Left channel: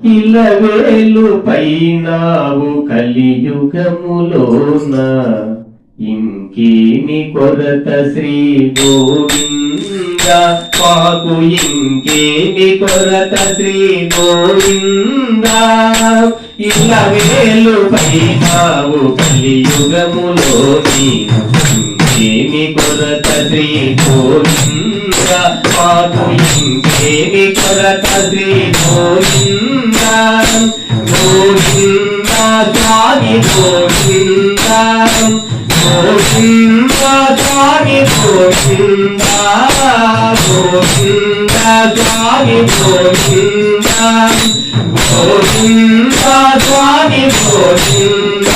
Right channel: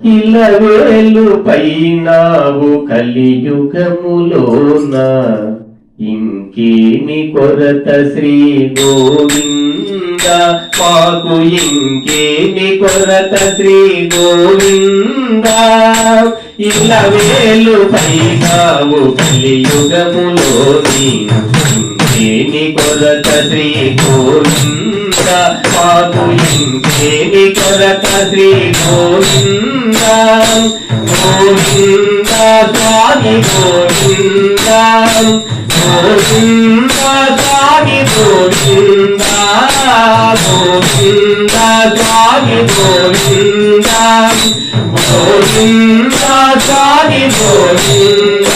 ఇలవేలు పైనావు కలియుగములోన ఇంకేని కొరత శ్రీ గోవింద మాకు ఇంకేని కొరత శ్రీ గోవింద ఇలవేలు పైనావు కలియుగములోని ఇంకేని కొరత శ్రీ గోవింద మాకు ఇంకేని కొరత శ్రీ గోవింద గోవింద స్వామి గోవింద గోవింద స్వామి గోవింద గోవింద స్వామి గోవింద గోవింద స్వామి గోవింద